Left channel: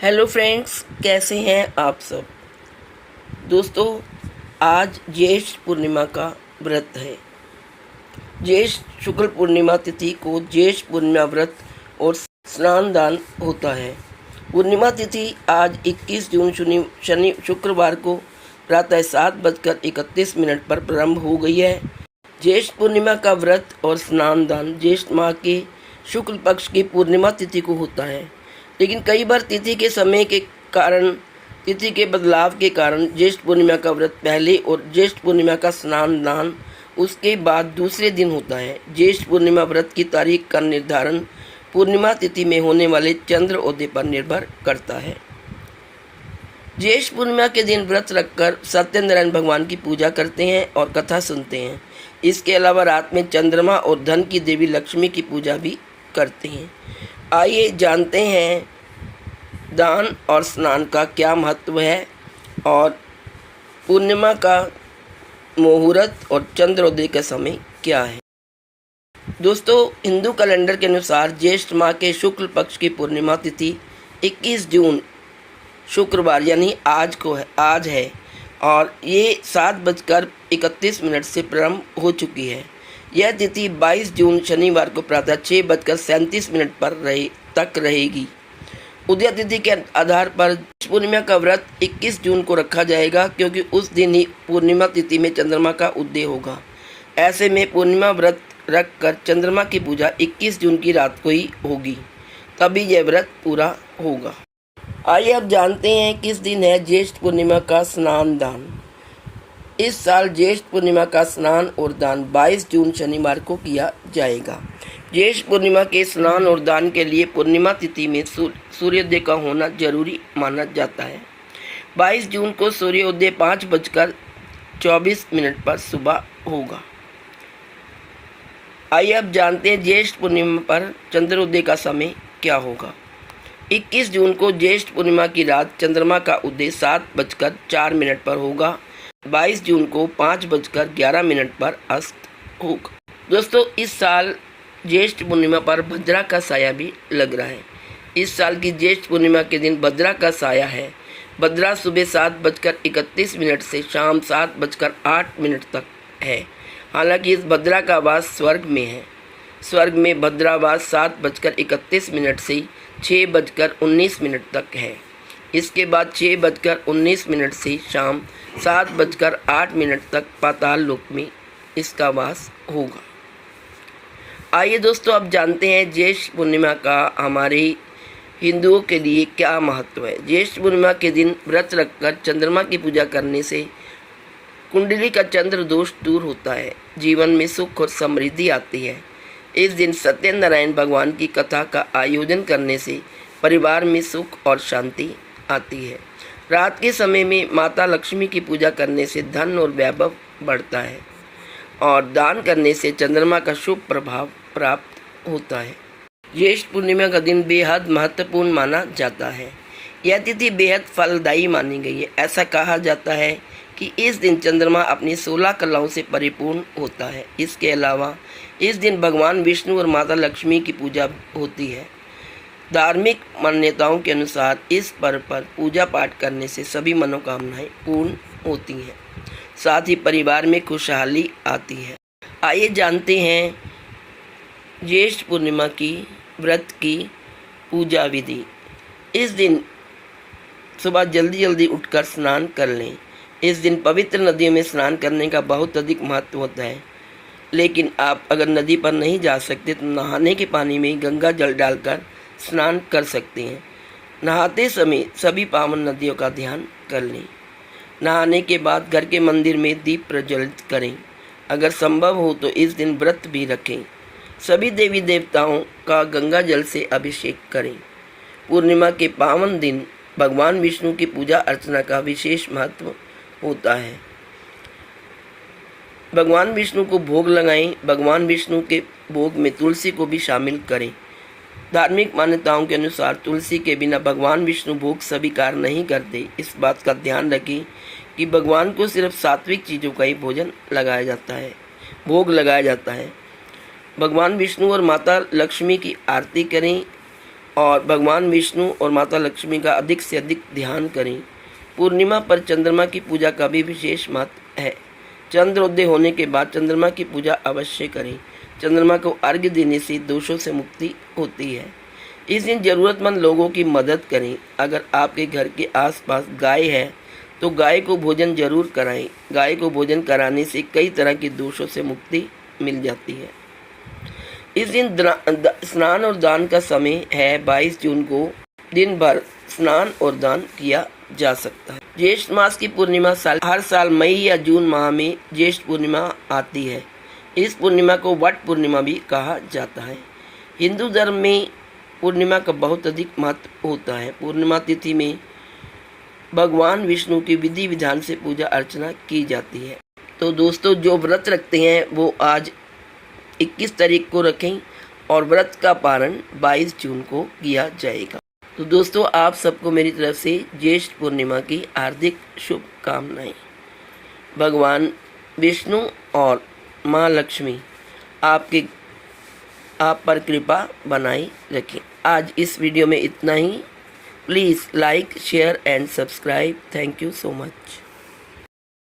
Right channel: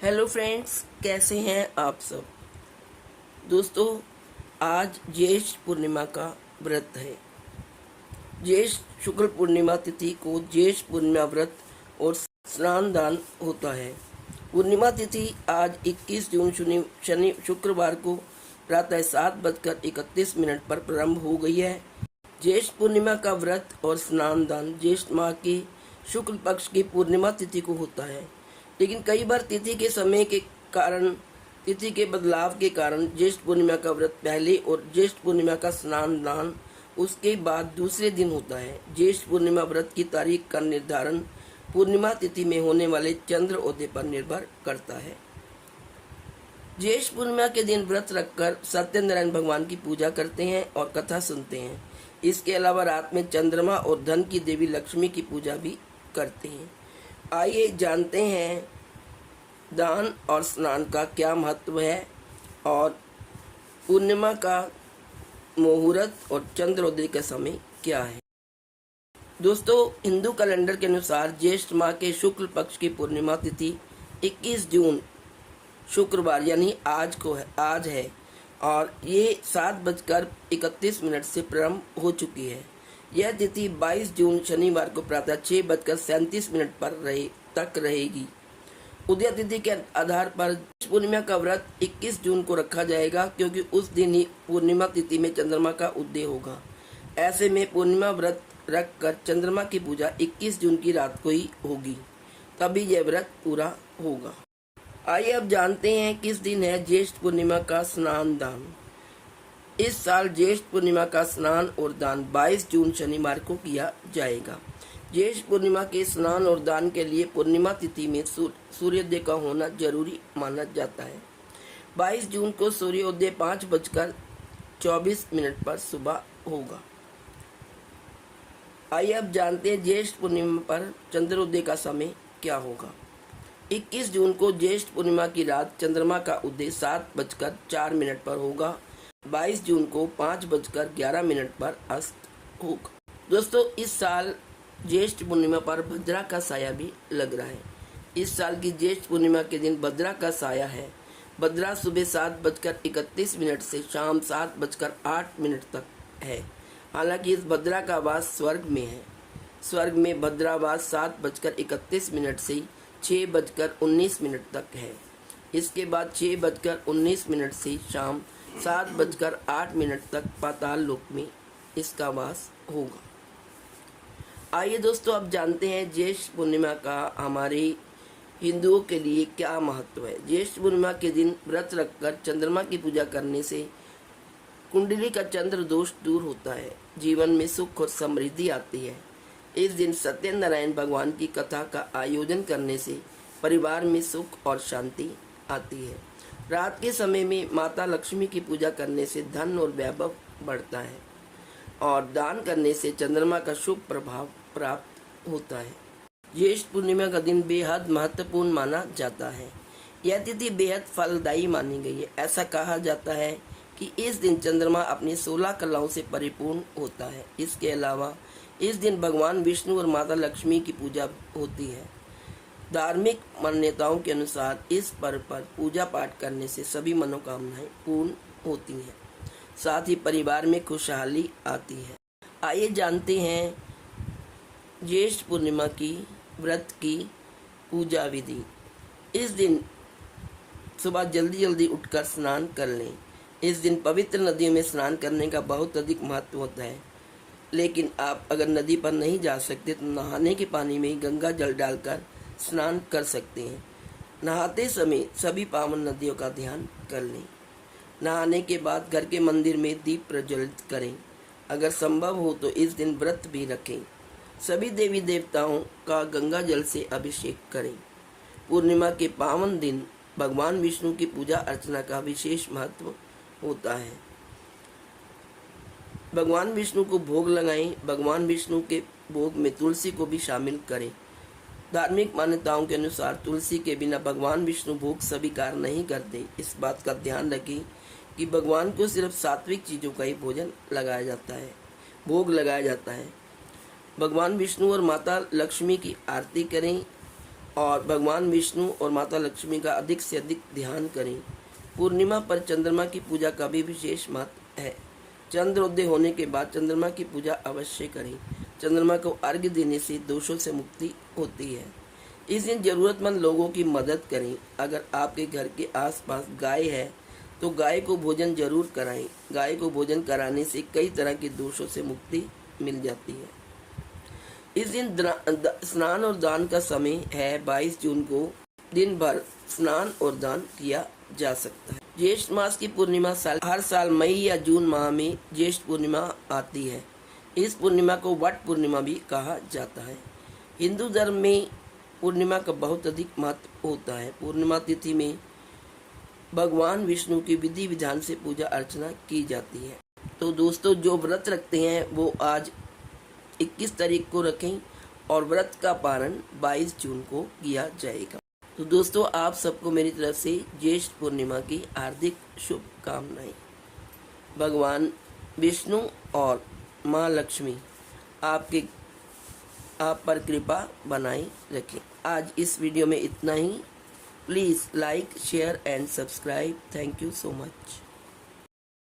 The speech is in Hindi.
हेलो फ्रेंड्स, कैसे हैं आप सब। दोस्तों, आज ज्येष्ठ पूर्णिमा का व्रत है। ज्येष्ठ शुक्ल पूर्णिमा तिथि को ज्येष्ठ पूर्णिमा व्रत और स्नान दान होता है। पूर्णिमा तिथि आज 21 जून शनि शुक्रवार को प्रातः 7:31 पर प्रारंभ हो गई है। ज्येष्ठ पूर्णिमा का व्रत और स्नान दान ज्येष्ठ माह के शुक्ल पक्ष की पूर्णिमा तिथि को होता है, लेकिन कई बार तिथि के बदलाव के कारण ज्येष्ठ पूर्णिमा का व्रत पहले और ज्येष्ठ पूर्णिमा का स्नान दान उसके बाद दूसरे दिन होता है। ज्येष्ठ पूर्णिमा व्रत की तारीख का निर्धारण पूर्णिमा तिथि में होने वाले चंद्र उदय पर निर्भर करता है। ज्येष्ठ पूर्णिमा के दिन व्रत रखकर सत्यनारायण भगवान की पूजा करते हैं और कथा सुनते हैं। इसके अलावा रात में चंद्रमा और धन की देवी लक्ष्मी की पूजा भी करते हैं। आइए जानते हैं दान और स्नान का क्या महत्व है और पूर्णिमा का मुहूर्त और चंद्रोदय का समय क्या है। दोस्तों, हिंदू कैलेंडर के अनुसार ज्येष्ठ माह के शुक्ल पक्ष की पूर्णिमा तिथि 21 जून शुक्रवार यानी आज है और ये 7:31 से प्रारंभ हो चुकी है। यह तिथि 22 जून शनिवार को प्रातः 6:37 पर तक रहेगी। उदय तिथि के आधार पर पूर्णिमा का व्रत 21 जून को रखा जाएगा, क्योंकि उस दिन ही पूर्णिमा तिथि में चंद्रमा का उदय होगा। ऐसे में पूर्णिमा व्रत रखकर चंद्रमा की पूजा 21 जून की रात को ही होगी, तभी यह व्रत पूरा होगा। आइए अब जानते हैं किस दिन है ज्येष्ठ पूर्णिमा का स्नान दान। इस साल ज्येष्ठ पूर्णिमा का स्नान और दान 22 जून शनिवार को किया जाएगा। ज्येष्ठ पूर्णिमा के स्नान और दान के लिए पूर्णिमा तिथि में सूर्योदय का होना जरूरी माना जाता है। 22 जून को सूर्योदय 5:24 पर सुबह होगा। आइए अब जानते हैं ज्येष्ठ पूर्णिमा पर चंद्रोदय का समय क्या होगा। 21 जून को ज्येष्ठ पूर्णिमा की रात चंद्रमा का उदय 7:04 पर होगा। 22 जून को 5:11 पर अस्त होगा। दोस्तों, इस साल ज्येष्ठ पूर्णिमा पर भद्रा का साया भी लग रहा है। इस साल की ज्येष्ठ पूर्णिमा के दिन भद्रा का साया है। भद्रा सुबह 7:31 से शाम 7:08 तक है। हालांकि इस भद्रा का वास स्वर्ग में है। स्वर्ग में भद्रावास 7:31 से 6:19 तक है। इसके बाद 6:19 से शाम 7:08 तक पाताल लोक में इसका वास होगा। आइए दोस्तों, अब जानते हैं ज्येष्ठ पूर्णिमा का हमारे हिंदुओं के लिए क्या महत्व है। ज्येष्ठ पूर्णिमा के दिन व्रत रखकर चंद्रमा की पूजा करने से कुंडली का चंद्र दोष दूर होता है, जीवन में सुख और समृद्धि आती है। इस दिन सत्यनारायण भगवान की कथा का आयोजन करने से परिवार में सुख और शांति आती है। रात के समय में माता लक्ष्मी की पूजा करने से धन और वैभव बढ़ता है और दान करने से चंद्रमा का शुभ प्रभाव प्राप्त होता है। ज्येष्ठ पूर्णिमा का दिन बेहद महत्वपूर्ण माना जाता है। यह तिथि बेहद फलदायी मानी गई है। ऐसा कहा जाता है कि इस दिन चंद्रमा अपनी 16 कलाओं से परिपूर्ण होता है। इसके अलावा इस दिन भगवान विष्णु और माता लक्ष्मी की पूजा होती है। धार्मिक मान्यताओं के अनुसार इस पर्व पर पूजा पाठ करने से सभी मनोकामनाएं पूर्ण होती हैं, साथ ही परिवार में खुशहाली आती है। आइए जानते हैं ज्येष्ठ पूर्णिमा की व्रत की पूजा विधि। इस दिन सुबह जल्दी उठकर स्नान कर लें। इस दिन पवित्र नदियों में स्नान करने का बहुत अधिक महत्व होता है, लेकिन आप अगर नदी पर नहीं जा सकते तो नहाने के पानी में गंगा जल डालकर स्नान कर सकते हैं। नहाते समय सभी पावन नदियों का ध्यान कर लें। नहाने के बाद घर के मंदिर में दीप प्रज्वलित करें। अगर संभव हो तो इस दिन व्रत भी रखें। सभी देवी देवताओं का गंगा जल से अभिषेक करें। पूर्णिमा के पावन दिन भगवान विष्णु की पूजा अर्चना का विशेष महत्व होता है। भगवान विष्णु को भोग लगाएं। भगवान विष्णु के भोग में तुलसी को भी शामिल करें। धार्मिक मान्यताओं के अनुसार तुलसी के बिना भगवान विष्णु भोग स्वीकार नहीं करते। इस बात का ध्यान रखें कि भगवान को सिर्फ सात्विक चीज़ों का ही भोग लगाया जाता है। भगवान विष्णु और माता लक्ष्मी की आरती करें और भगवान विष्णु और माता लक्ष्मी का अधिक से अधिक ध्यान करें। पूर्णिमा पर चंद्रमा की पूजा का भी विशेष महत्व है। चंद्रोदय होने के बाद चंद्रमा की पूजा अवश्य करें। चंद्रमा को अर्घ्य देने से दोषों से मुक्ति होती है। इस दिन ज़रूरतमंद लोगों की मदद करें। अगर आपके घर के आसपास गाय है तो गाय को भोजन जरूर कराएं। गाय को भोजन कराने से कई तरह के दोषों से मुक्ति मिल जाती है। इस दिन स्नान और दान का समय है। 22 जून को दिन भर स्नान और दान किया जा सकता है। ज्येष्ठ मास की पूर्णिमा हर साल मई या जून माह में ज्येष्ठ पूर्णिमा आती है। इस पूर्णिमा को वट पूर्णिमा भी कहा जाता है। हिंदू धर्म में पूर्णिमा का बहुत अधिक महत्व होता है। पूर्णिमा तिथि में भगवान विष्णु की विधि विधान से पूजा अर्चना की जाती है। तो दोस्तों, जो व्रत रखते हैं वो आज 21 तारीख को रखें और व्रत का पारण 22 जून को किया जाएगा। तो दोस्तों, आप सबको मेरी तरफ से ज्येष्ठ पूर्णिमा की हार्दिक शुभकामनाएं। भगवान विष्णु और माँ लक्ष्मी आप पर कृपा बनाई रखें। आज इस वीडियो में इतना ही। Please like, share and subscribe. Thank you so much.